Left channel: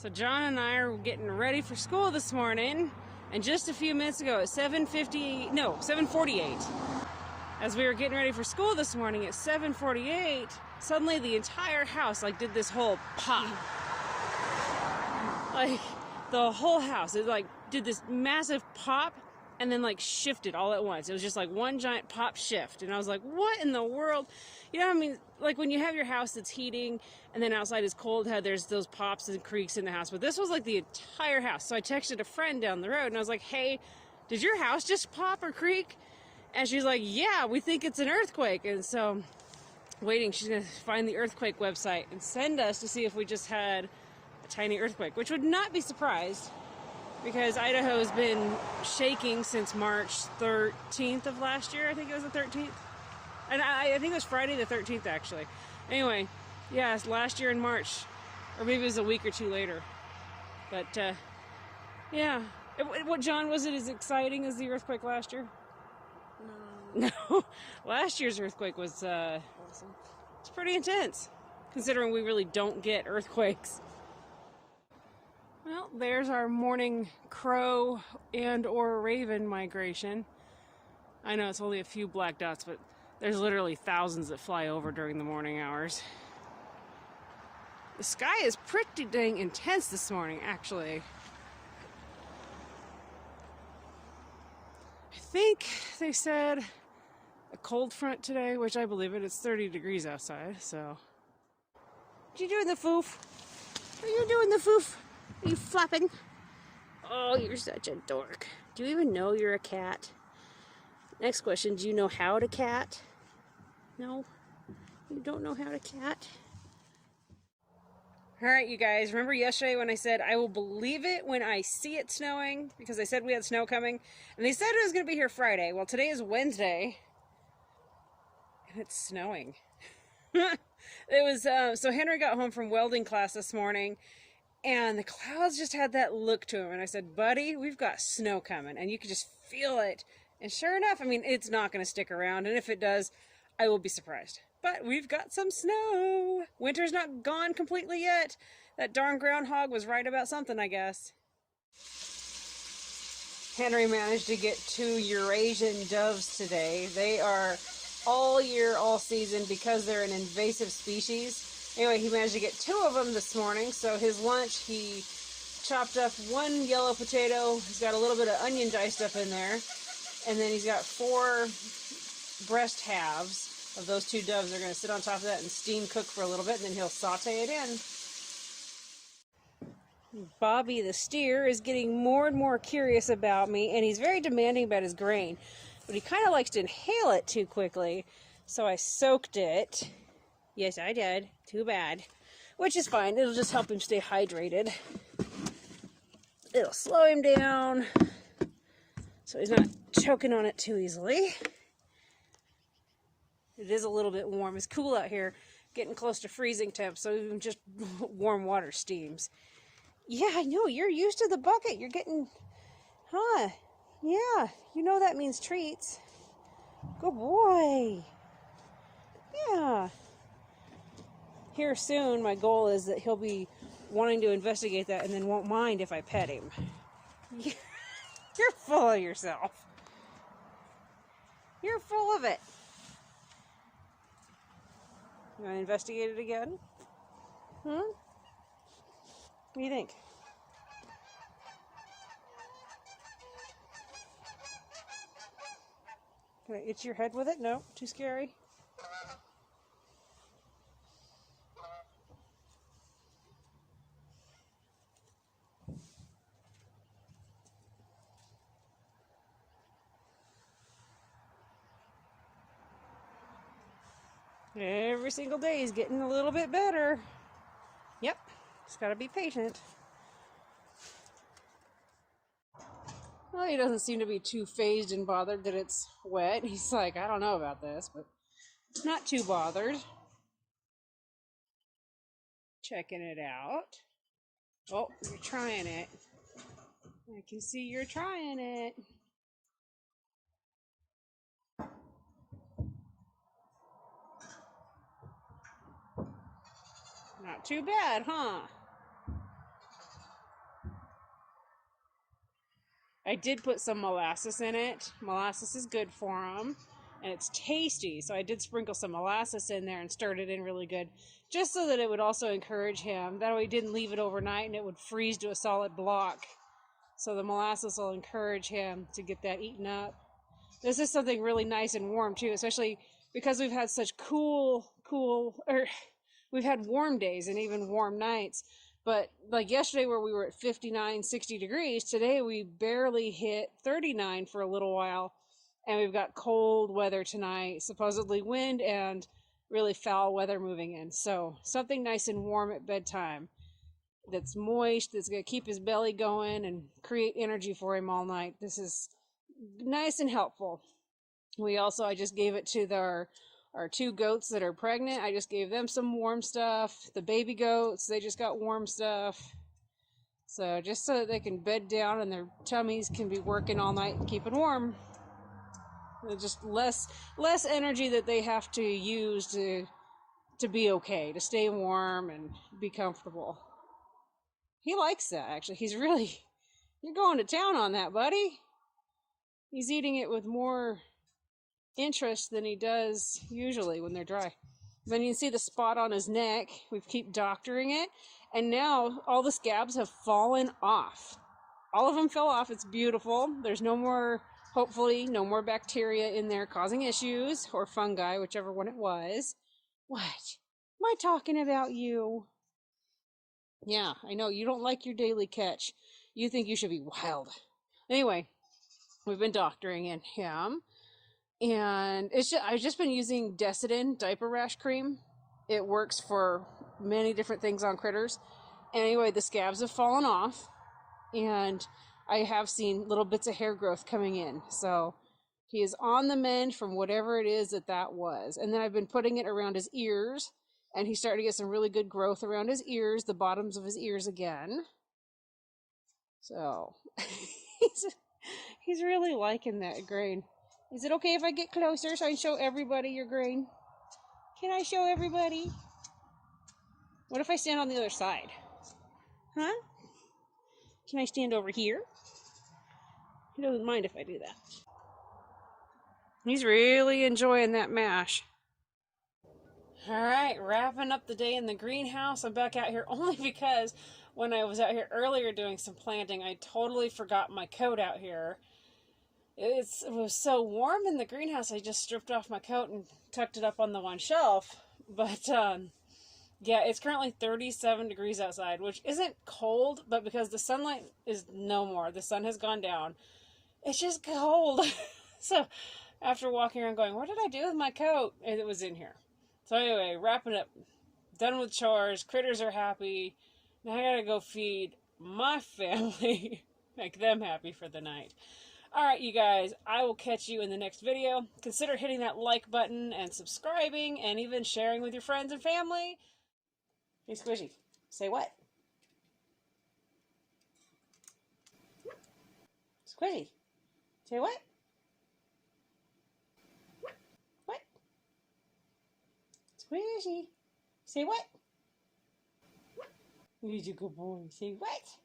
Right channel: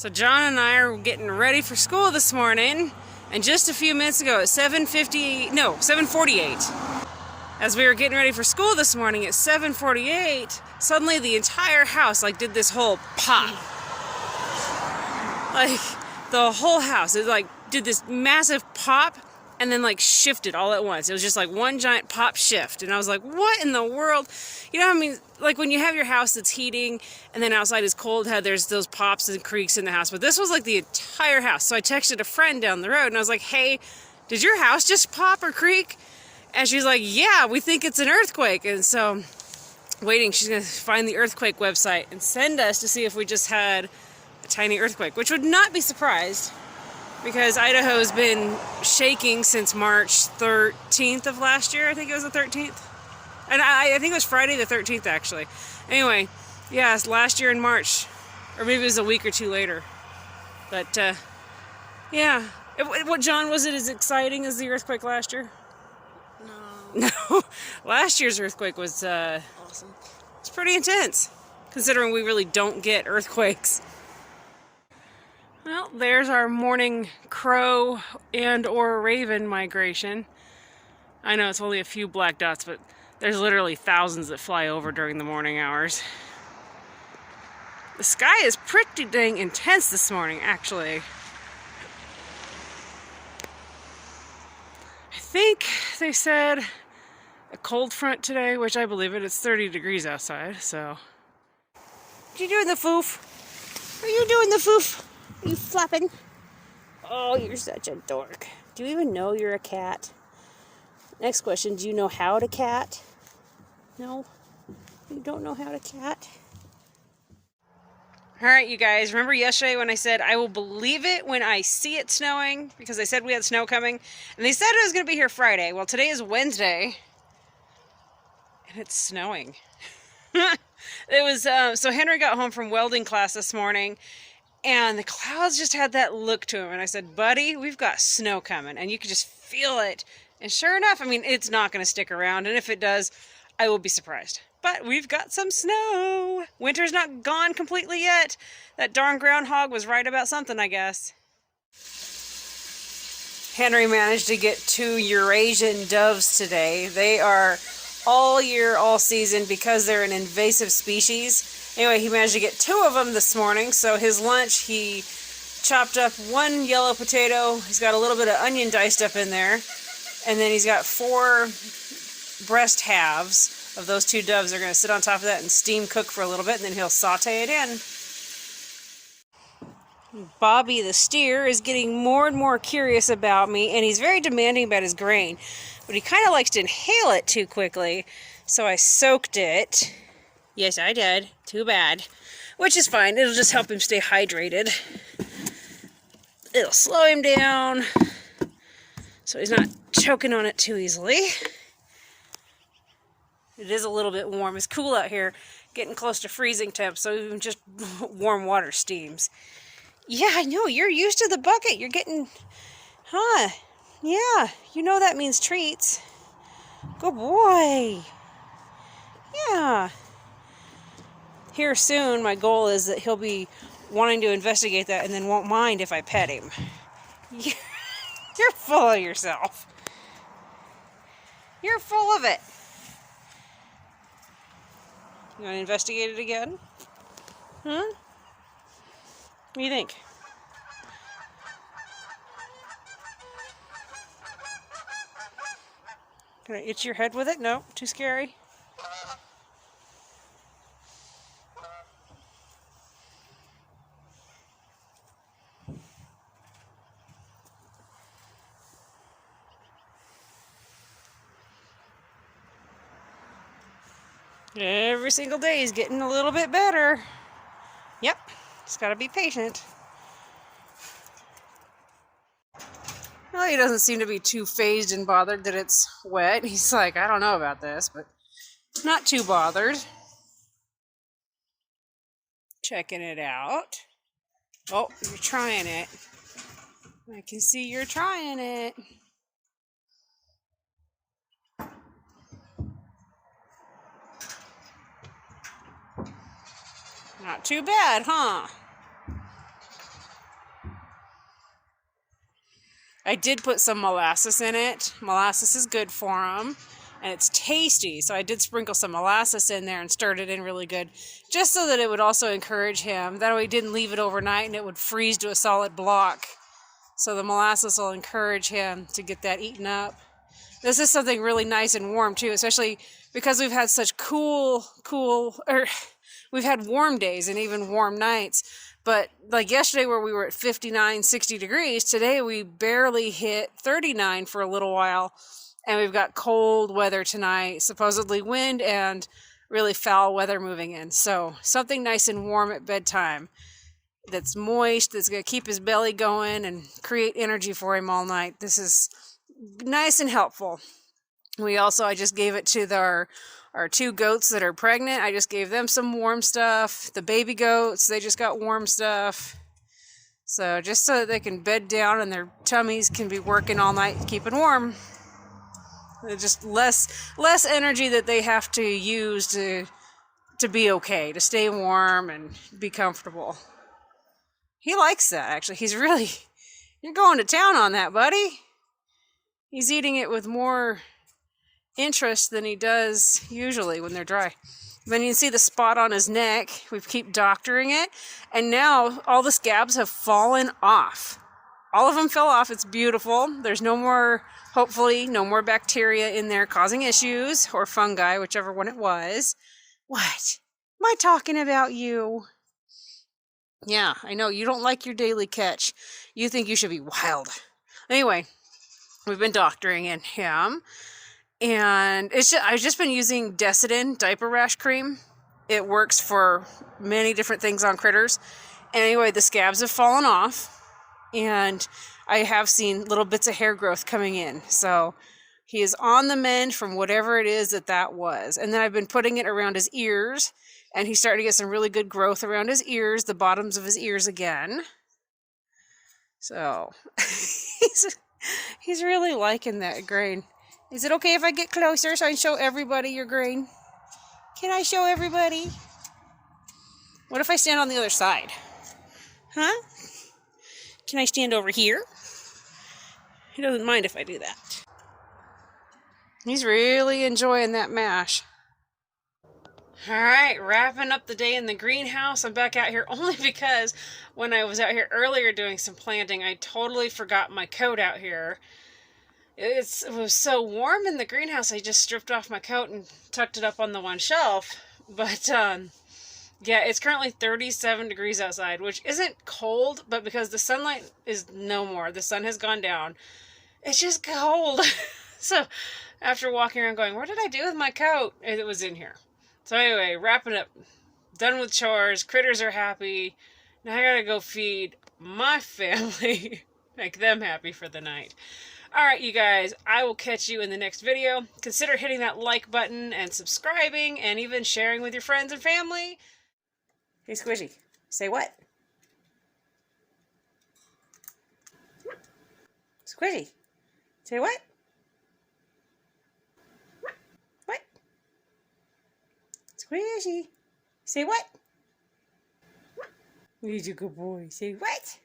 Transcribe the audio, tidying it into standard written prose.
So John and I are getting ready for school this morning, and just a few minutes ago at 7:48, as we were getting ready for school this morning at 7:48, suddenly the entire house did this whole pop. The whole house, it did this massive pop and then shifted all at once. It was just one giant pop shift, and I was like, what in the world? You know what I mean? When you have your house that's heating and then outside is cold, there's those pops and creaks in the house, but this was the entire house. So I texted a friend down the road and I was like, hey, did your house just pop or creak? And she's like, yeah, we think it's an earthquake. And so waiting, she's gonna find the earthquake website and send us to see if we just had a tiny earthquake, which would not be surprised because Idaho's been shaking since March 13th of last year. I think it was the 13th. And I think it was Friday the 13th, actually. Anyway, yeah, it's last year in March. Or maybe it was a week or two later. But, yeah. What, John, was it as exciting as the earthquake last year? No. No. Last year's earthquake was, awesome. It's pretty intense, considering we really don't get earthquakes. Well, there's our morning crow and or raven migration. I know it's only a few black dots, but there's literally thousands that fly over during the morning hours. The sky is pretty dang intense this morning, actually. I think they said a cold front today, which I believe it. It's 30 degrees outside, so. What are you doing, the foof? Are you doing the foof? Are you flapping? Oh, you're such a dork. Do you even know you're a cat? Next question, do you know how to cat? No? You don't know how to cat? Alright, you guys, remember yesterday when I said I will believe it when I see it snowing? Because I said we had snow coming. And they said it was going to be here Friday. Well, today is Wednesday. And it's snowing. It was, so Henry got home from welding class this morning. And the clouds just had that look to him. And I said, buddy, we've got snow coming. And you could just feel it. And sure enough, I mean, it's not going to stick around. And if it does, I will be surprised. But we've got some snow. Winter's not gone completely yet. That darn groundhog was right about something, I guess. Henry managed to get 2 Eurasian doves today. They are all year, all season because they're an invasive species. Anyway, he managed to get 2 of them this morning. So his lunch, he chopped up 1 yellow potato. He's got a little bit of onion diced up in there. And then he's got 4 breast halves of those 2 doves. Are going to sit on top of that and steam cook for a little bit, and then he'll saute it in. Bobby the steer is getting more and more curious about me, and he's very demanding about his grain, but he kind of likes to inhale it too quickly, so I soaked it. Yes, I did. Too bad. Which is fine. It'll just help him stay hydrated. It'll slow him down so he's not choking on it too easily. It is a little bit warm. It's cool out here, getting close to freezing temps, so even just warm water steams. Yeah, I know, you're used to the bucket. You're getting, huh? Yeah, you know that means treats. Good boy. Yeah. Here soon, my goal is that he'll be wanting to investigate that and then won't mind if I pet him. You're full of yourself. You're full of it. You want to investigate it again? Huh? What do you think? Can I itch your head with it? No, too scary. Every single day he's getting a little bit better. Yep, just gotta be patient. Well, he doesn't seem to be too fazed and bothered that it's wet. He's like, I don't know about this, but not too bothered. Checking it out. Oh, you're trying it. I can see you're trying it. Not too bad, huh? I did put some molasses in it. Molasses is good for them, and it's tasty. So I did sprinkle some molasses in there and stirred it in really good, just so that it would also encourage him. That way he didn't leave it overnight and it would freeze to a solid block. So the molasses will encourage him to get that eaten up. This is something really nice and warm too, especially because we've had such we've had warm days and even warm nights. But like yesterday where we were at 59, 60 degrees, today we barely hit 39 for a little while. And we've got cold weather tonight, supposedly wind and really foul weather moving in. So something nice and warm at bedtime that's moist, that's going to keep his belly going and create energy for him all night. This is nice and helpful. I just gave it to our 2 goats that are pregnant. I just gave them some warm stuff. The baby goats, they just got warm stuff. So just so that they can bed down and their tummies can be working all night keeping warm. Just less energy that they have to use to be okay, to stay warm and be comfortable. He likes that, actually. You're going to town on that, buddy. He's eating it with more interest than he does usually when they're dry. Then you can see the spot on his neck. We keep doctoring it, and now all the scabs have fallen off. All of them fell off. It's beautiful. There's hopefully no more bacteria in there causing issues, or fungi, whichever one it was. What? Am I talking about you? Yeah, I know. You don't like your daily catch. You think you should be wild. Anyway, we've been doctoring in him. And I've just been using Decidin diaper rash cream. It works for many different things on critters. Anyway, the scabs have fallen off. And I have seen little bits of hair growth coming in. So he is on the mend from whatever it is that was. And then I've been putting it around his ears. And he's starting to get some really good growth around his ears, the bottoms of his ears again. So he's really liking that grain. Is it okay if I get closer so I can show everybody your grain? Can I show everybody? What if I stand on the other side? Huh? Can I stand over here? He doesn't mind if I do that. He's really enjoying that mash. Alright, wrapping up the day in the greenhouse. I'm back out here only because when I was out here earlier doing some planting, I totally forgot my coat out here. It was so warm in the greenhouse, I just stripped off my coat and tucked it up on the one shelf. But, yeah, it's currently 37 degrees outside, which isn't cold, but because the sunlight is no more, the sun has gone down, it's just cold. So, after walking around going, where did I do with my coat? And it was in here. So anyway, wrapping up, done with chores, critters are happy. Now I gotta go feed my family, make them happy for the night. Alright, you guys, I will catch you in the next video. Consider hitting that like button and subscribing and even sharing with your friends and family. Hey, Squishy, say what? Squishy, say what? What? Squishy, say what? He's a good boy. Say what?